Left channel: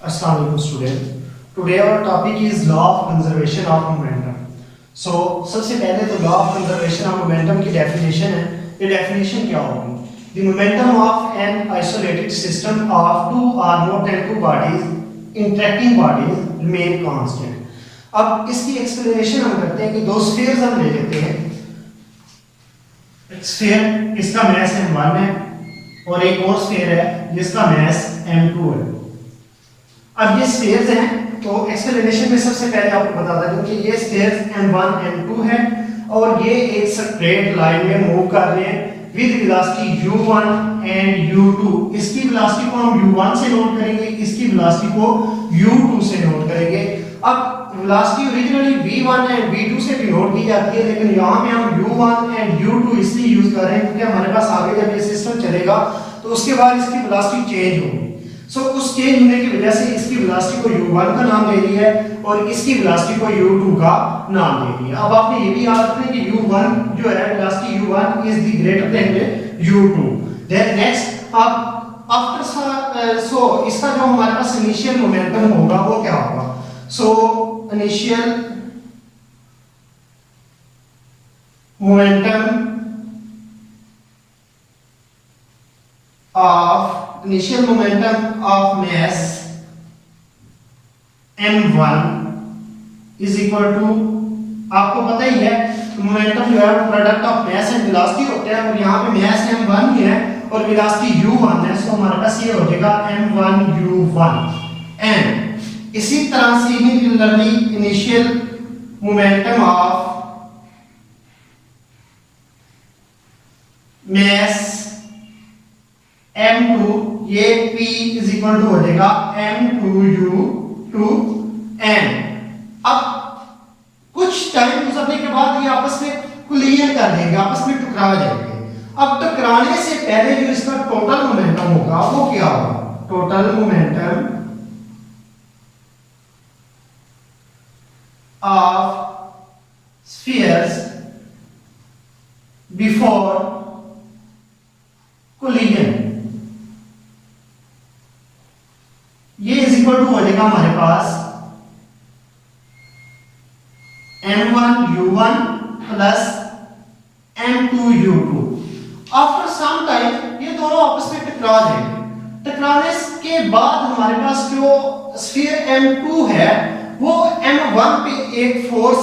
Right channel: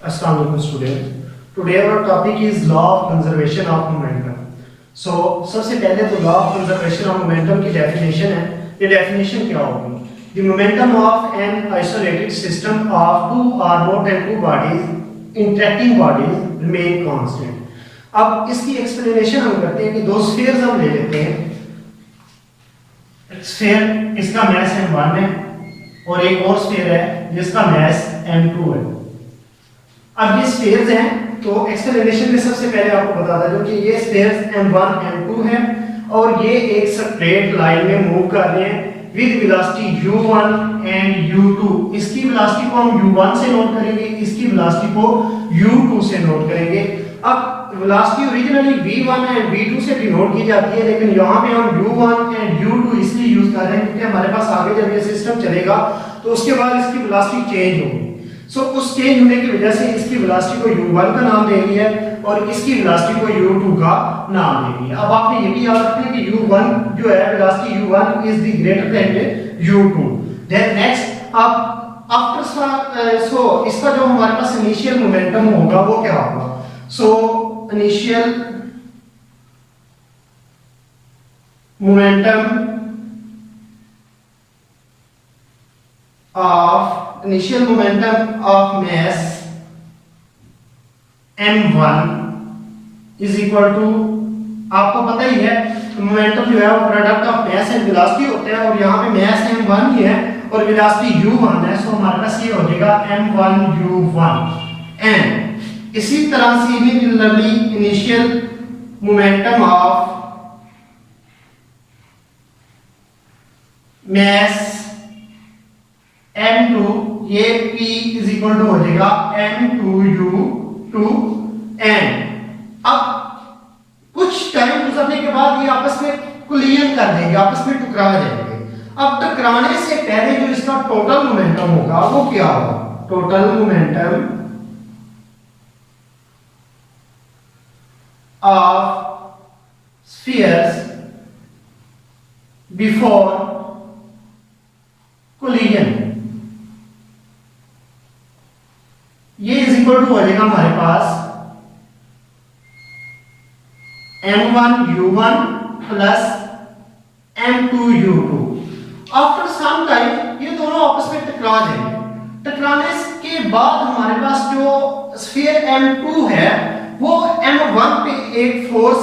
Assalamu alaikum student. Today our topic is law of conservation of momentum. So सबसे पहले तो law of conservation of momentum की definition है. The definition क्या होगी? The momentum of an isolated system of two or more than two bodies interacting bodies remain constant. अब इसकी explanation हम करते हैं कि दो spheres हम ले लेते हैं. Sphere इसका mass m1 है और एक और sphere है जिसका mass m2 है. अब ये स्फीयर्स हैं तो एक्सप्लेनेशन में सबसे पहले आपको बता दूं कि ये स्फीयर्स m1 m2 है और ये एक स्ट्रेट लाइन में मूव कर रहे हैं with velocity u1 and u2. इसकी वेलोसिटी को हम u1 से नोट करेंगे, इसकी वेलोसिटी को u2 से नोट करेंगे. अब velocity originally v1 and v2 से डिनोट की जाती है, लेकिन यहाँ पे हम u1 एंड u2 इसलिए यूज कर रहे हैं क्योंकि हमारे पास आगे जब ये सिस्टम चलेगा तो उसके बाद इसकी वेलोसिटी चेंज होगी. सो उस चेंज होने की वजह से इसकी वेलोसिटी को u1 का नाम दे रही है और इसकी वेलोसिटी को u2 का नाम दे रही है. अब आपने ये भी याद रखना कि u1 जो है velocity u1 is the greater than u2. Then next अब आफ्टर सो इसका जो हमारे पास इनिशियल मोमेंटम होगा वो क्या होगा? So initial momentum of mass m1 is equal to, आपको पता ही है मोमेंटम जो है वो product of mass and velocity होता है और यहाँ पे मास m1 ही है और वेलोसिटी u1 है. सो हमारे पास ये हो जाएगा m1 u1. एंड इसी तरह से similarly initial momentum of mass m2 ये p इज इक्वल टू हो जाएगा m2u2. एंड अब कुछ टाइम गुजरने के बाद ये आपस में कोलिजन कर देंगे, आपस में टकरा जाएंगे. अब टकराने से पहले जो इसका टोटल मोमेंटम होगा वो क्या होगा? Total momentum of spheres before collision ये इज इक्वल टू हो जाएगा हमारे पास m1 u1 plus m2 u2. After some time ये दोनों आपस में टकरा जाएंगे. टकराने के बाद हमारे पास जो स्फीयर m2 है वो m1 पे एक फोर्स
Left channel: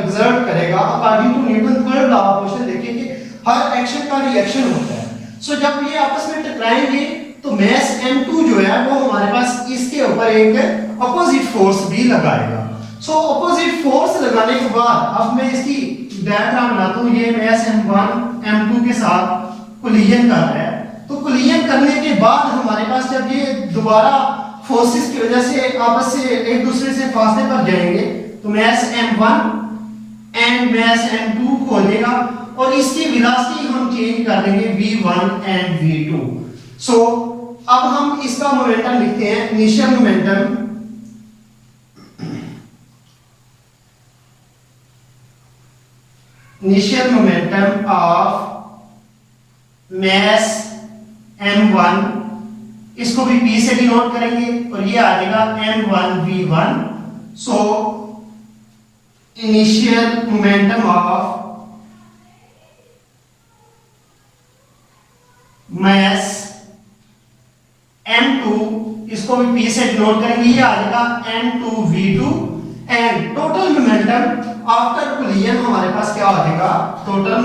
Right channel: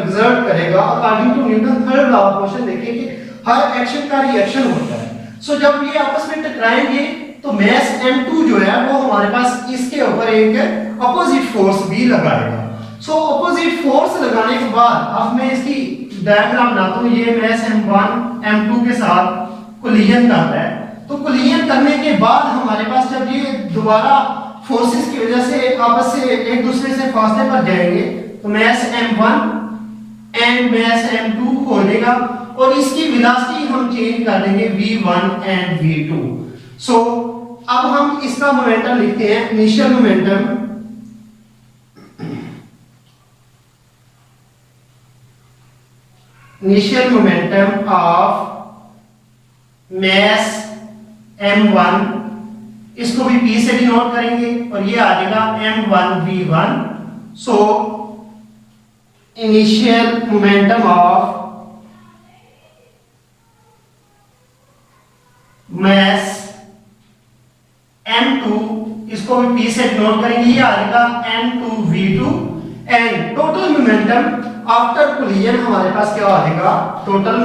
एक्सर्ट करेगा. According to Newton third law of motion देखिए कि हर एक्शन का रिएक्शन होता है. सो जब ये आपस में टकराएंगे तो मास m2 जो है वो हमारे पास इसके ऊपर एक अपोजिट फोर्स भी लगाएगा. सो अपोजिट फोर्स लगाने के बाद अब मैं इसकी डायग्राम बनाता हूं. ये मास m1 m2 के साथ कोलिजन कर रहा है. तो कोलिजन करने के बाद हमारे पास जब ये दोबारा फोर्सेस की वजह से आपस से एक दूसरे से फासले पर जाएंगे तो मास m1 एंड मास m2 हो जाएगा और इसकी वेलोसिटी हम चेंज कर देंगे v1 एंड v2. सो अब हम इसका मोमेंटम लिखते हैं. Initial momentum of mass m1 इसको भी p से डिनोट करेंगे और ये आ जाएगा m1 v1. So initial momentum of mass m2 इसको भी p से डिनोट करेंगे, ये आ जाएगा m2 v2. And total momentum after collision हमारे पास क्या आ जाएगा? Total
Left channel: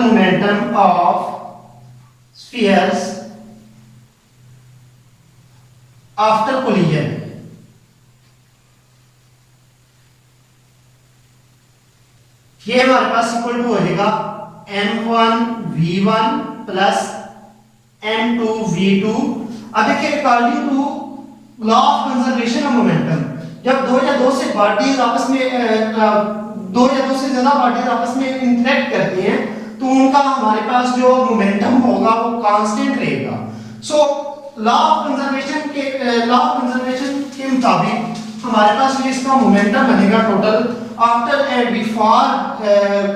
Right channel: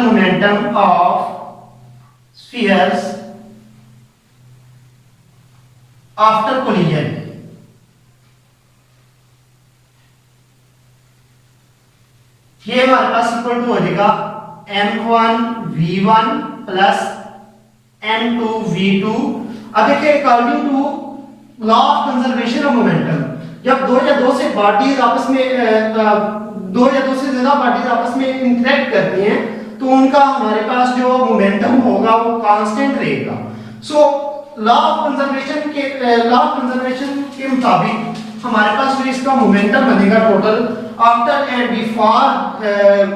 momentum of spheres after collision ये हमारे पास इक्वल टू हो जाएगा m1 v1 plus m2 v2. अब देखिए according to law of conservation of momentum जब दो या दो से पार्टीज आपस में दो या दो से ज्यादा पार्टीज आपस में इंटरेक्ट करती हैं तो उनका हमारे पास जो मोमेंटम होगा वो कांस्टेंट रहेगा. सो लॉ ऑफ कंजर्वेशन के मुताबिक हमारे पास फिर इसका मोमेंटम बनेगा total after and before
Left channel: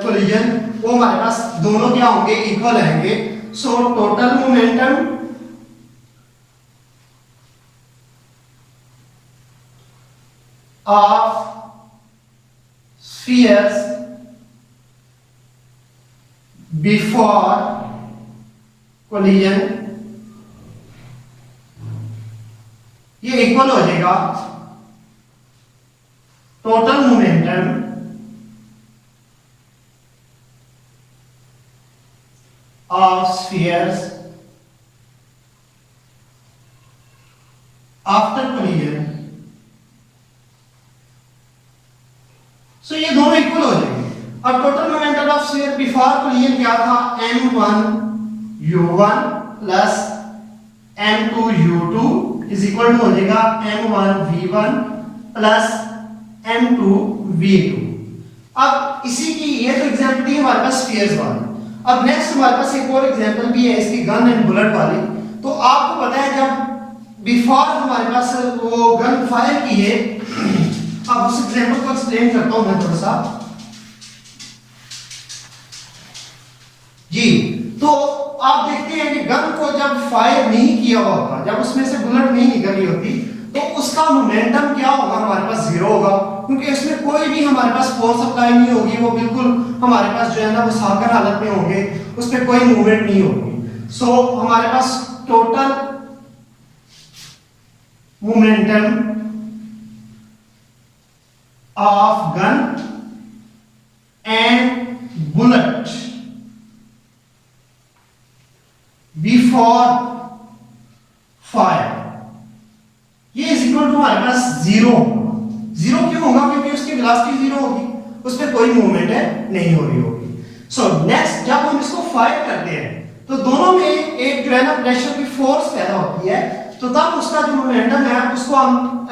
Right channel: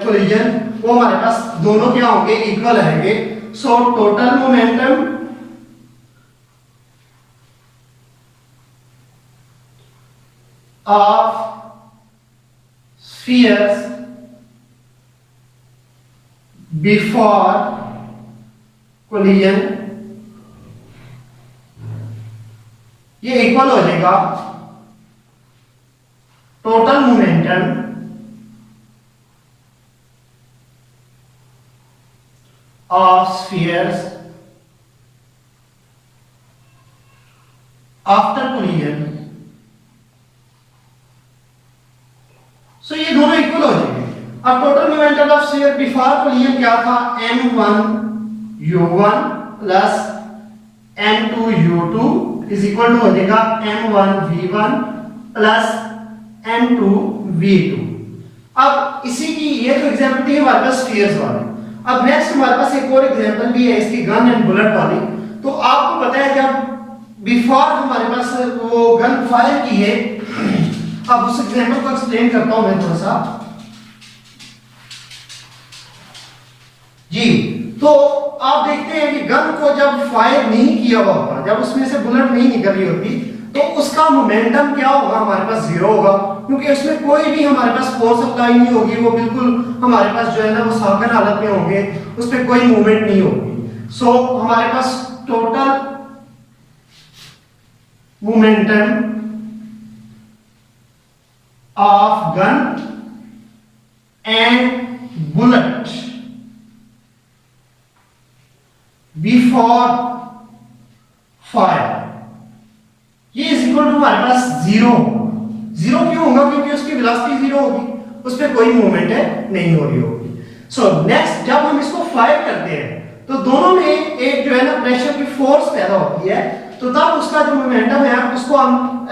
collision वो हमारे पास दोनों क्या होंगे? इक्वल आएंगे. So total momentum of spheres before collision ये इक्वल हो जाएगा total momentum of spheres after collision. So ये दोनों इक्वल हो जाएंगे। अब total momentum of sphere before collision क्या था, m1u1 plus m2u2 is equal to हो जाएगा m1v1 प्लस m2v2। अब इसी की ये तो एग्जांपल थी हमारे पास स्फीयर्स वाली। अब नेक्स्ट हमारे पास एक और एग्जांपल भी है इसकी गन एंड बुलेट वाली। तो आपको पता है जब बिफोर हमारे पास वो गन फायर की है, अब उस एग्जांपल को एक्सप्लेन करता हूं मैं थोड़ा सा जी। तो आप देखते हैं कि गन को जब फायर नहीं किया हुआ होता, जब उसमें से बुलेट नहीं निकल रही होती, तो उसका मोमेंटम क्या होगा, हमारे पास जीरो होगा, क्योंकि उसमें कोई भी हमारे पास फोर्स अप्लाई नहीं होगी। वो बिल्कुल हमारे पास जो है ना वो सागर हालत में होंगे, उस पर कोई मूवमेंट नहीं होगी। सो हमारे पास total momentum of gun and bullet before fire ये इज इक्वल टू हमारे पास जीरो होगा। जीरो क्यों होगा, क्योंकि उसकी वेलोसिटी जीरो होगी, उस पर कोई मूवमेंट है नहीं हो रही होगी। सो नेक्स्ट जब हम इसको फायर करते हैं तो दोनों में एक जो है ना प्रेशर की फोर्स पैदा होती है, तो तब उसका जो मोमेंटम है उसको हम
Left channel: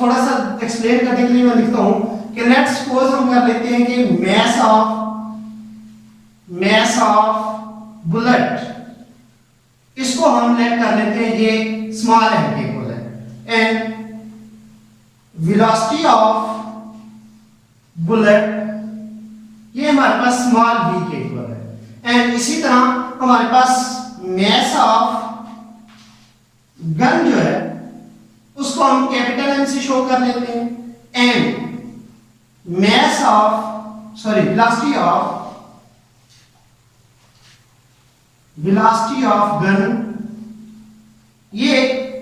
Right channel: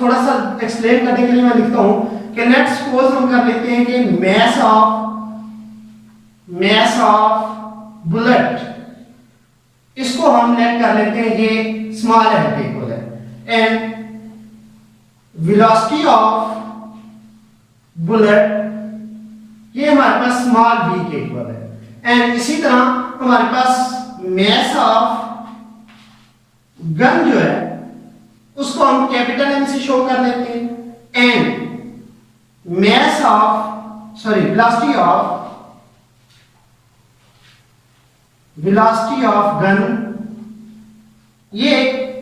थोड़ा सा एक्सप्लेन करने के लिए मैं लिखता हूं कि लेट्स सपोज हम कर लेते हैं कि मास ऑफ बुलेट, इसको हम लेट कर लेते हैं ये स्मॉल एम के इक्वल है, एंड वेलोसिटी ऑफ बुलेट ये हमारे पास स्मॉल v के इक्वल है, एंड इसी तरह हमारे पास मास ऑफ गन जो है उसको हम कैपिटल M से शो कर लेते हैं, and mass of velocity of gun ये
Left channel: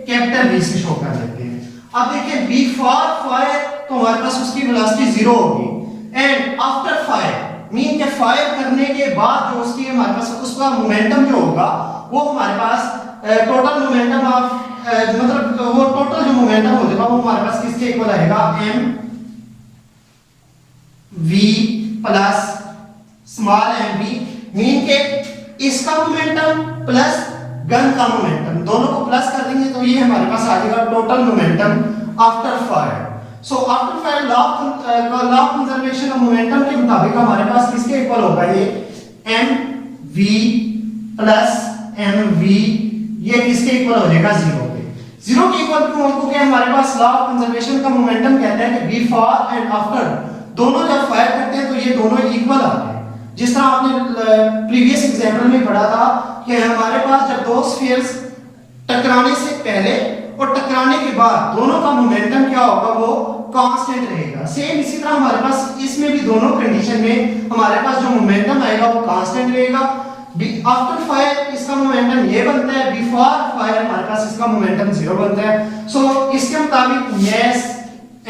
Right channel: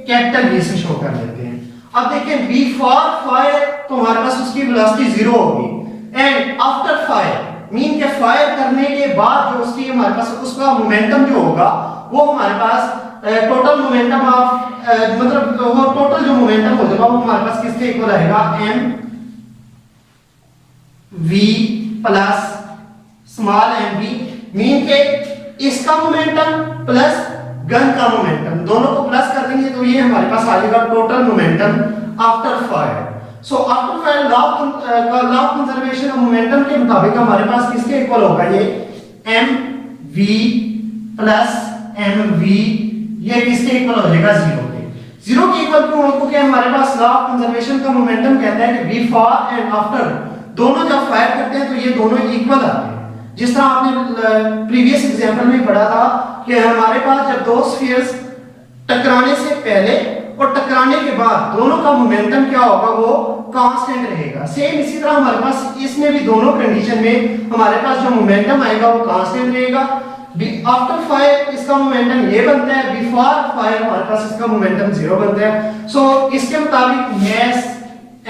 कैपिटल V से शो कर लेते हैं। अब देखें बिफोर फायर तो हमारे पास उसकी वेलोसिटी जीरो होगी, एंड आफ्टर फायर मीन के फायर करने के बाद जो उसकी हमारे पास उसका मोमेंटम जो होगा वो हमारे पास टोटल मोमेंटम ऑफ मतलब वो टोटल जो मोमेंटम हो जाएगा वो हमारे पास किसके इक्वल आएगा, m v plus small m v, mean के इसका मोमेंटम प्लस गन का मोमेंटम दोनों को प्लस कर देंगे तो ये हमारे पास आ जाएगा total momentum after fire. So after fire law of conservation of momentum के मुताबिक हमारे पास किसके इक्वल होगा, ये m v plus m v ये किसके इक्वल हो जाएगा, जीरो के। जीरो के इक्वल क्यों, क्योंकि हमारे पास लॉ ऑफ कंजर्वेशन का मोमेंटम कहता है कि बिफोर एंड आफ्टर दोनों जब फायर करते हैं तो ये दोनों इक्वल आते हैं। जिस तरह आपने प्रीवियस एग्जांपल में पढ़ा था कि हमारे पास जब दो स्फीयर्स टकराने से पहले और टकराने के बाद दोनों का मोमेंटम क्या होगा, वो कांस्टेंट रहेगा। सेम इसी तरह हमारे पास इसमें भी दोनों कंडीशन में हमारे पास जो मोमेंटम आएगा वो कांस्टेंट रहेगा। आफ्टर फायर इसका मोमेंटम ये बनता है, बिफोर फायर हमारे पास इसका मोमेंटम जीरो बनता है। सो इसके मुताबिक मास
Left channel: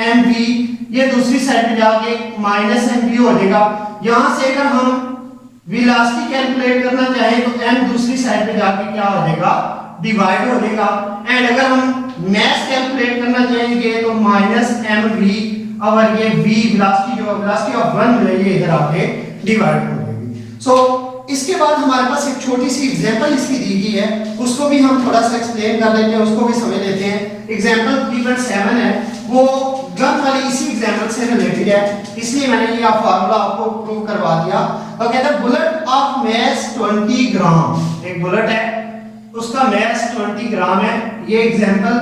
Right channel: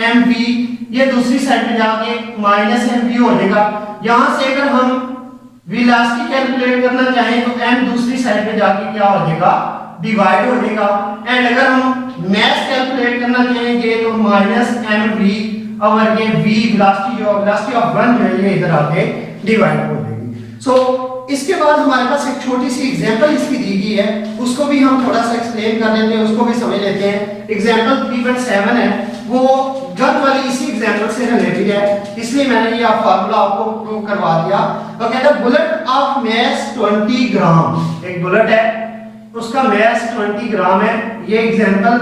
mv ये दूसरी साइड पे जाके माइनस mv हो जाएगा। यहां से अगर हम वेलोसिटी कैलकुलेट करना चाहें तो m दूसरी साइड पे जाके क्या हो जाएगा, डिवाइड हो जाएगा, एंड अगर हम मास कैलकुलेट करना चाहेंगे तो माइनस mv और ये v वेलोसिटी ऑफ गन जो है ये इधर आके डिवाइड हो जाएगी। सो इसके बाद हमारे पास एक छोटी सी एग्जांपल इसकी दी गई है, उसको भी हम थोड़ा सा एक्सप्लेन कर लेते हैं, उसको भी समझ लेते हैं। एग्जांपल 3.7 है, वो गन वाली इसी एग्जांपल से रिलेटेड है, इसलिए मैंने ये फार्मूला आपको प्रूव करवा दिया। वो कहता है बुलेट ऑफ मास 20 ग्राम, एक बुलेट है उसका मास 20 ग्राम है। ये एग्जांपल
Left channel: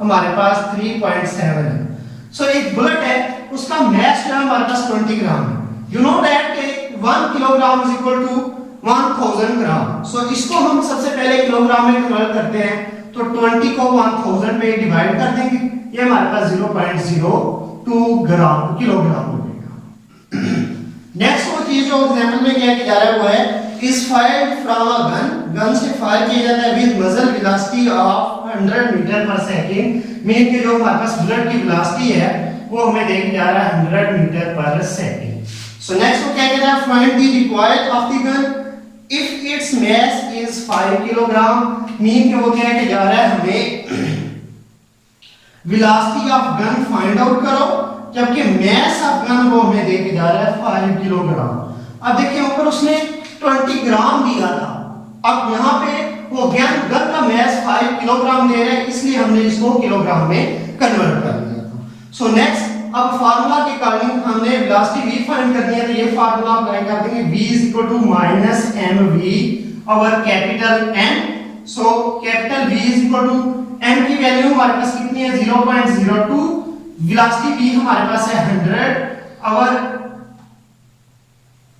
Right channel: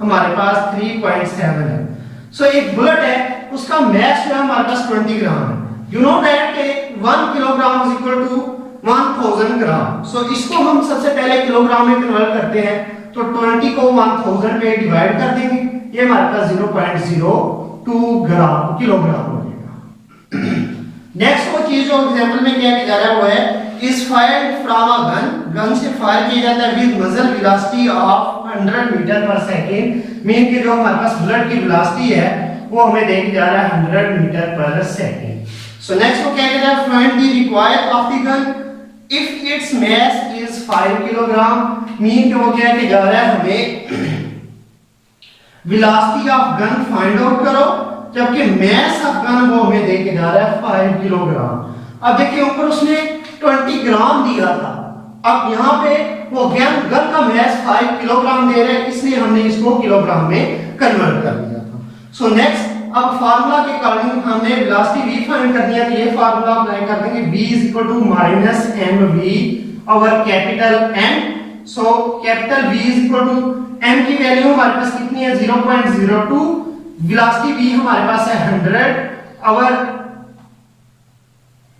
हमारे पास 3.7 है। सो एक बुलेट है उसका मास हमारे पास 20 ग्राम है। You know that 1 kilogram is equal to 1000 gram. So इसको हम सबसे पहले किलोग्राम में कन्वर्ट करते हैं, तो 20 को 1000 पे डिवाइड कर देंगे, ये हमारे पास 0.02 ग्राम किलोग्राम हो जाएगा। नेक्स्ट वो चीज जो एग्जांपल में क्या किया जा रहा है वो है is fired from a gun, gun से फायर किया जाता है विद मजल वेलोसिटी ऑफ 100 मीटर पर सेकंड, मीन कि जो हमारे पास बुलेट की वेलोसिटी है वो हमें देखा जा रहा है 100 मीटर पर सेकंड। सो नेक्स्ट वो क्या कह रहा है find the required of the gun if its mass is 5 kilogram, mean कि वो क्या कह जा रहा है हमें velocity of gun find out करो, जबकि मास ऑफ गन वो हमें देके जा रहा है 5 किलोग्राम। अब देखिए ऊपर उसने 20 ग्राम दिया था, अब यहाँ पे वो गन का मास 5 किलोग्राम दे रहा है, इसलिए हमने इसको किलोग्राम में कन्वर्ट कर दिया था। सो नेक्स्ट अब फार्मूला के अकॉर्डिंग हमने वेलोसिटी v फाइंड करनी है, तो ये फार्मूला अप्लाई कर देंगे v = -mv over capital N। So capital V = m की वैल्यू हमारे पास कितनी है 0.02, वेलोसिटी v हमारे पास है 100 ओवर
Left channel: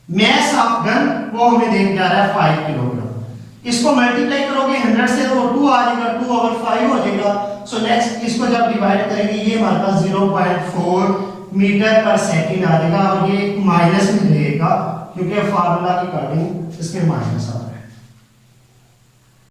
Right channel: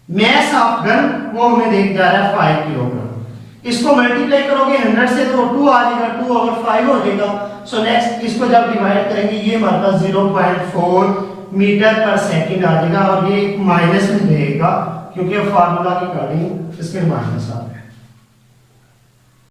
मास ऑफ गन वो हमें देख जा रहा है 5 किलोग्राम। इसको मल्टीप्लाई करोगे 100 से तो 2 आ जाएगा, 2 ओवर 5 हो जाएगा। सो नेक्स्ट इसको जब डिवाइड करेंगे ये हमारे पास 0.4 मीटर पर सेकंड आ जाएगा, और ये माइनस में रहेगा क्योंकि फार्मूला के अकॉर्डिंग इसमें माइनस आ रहा है।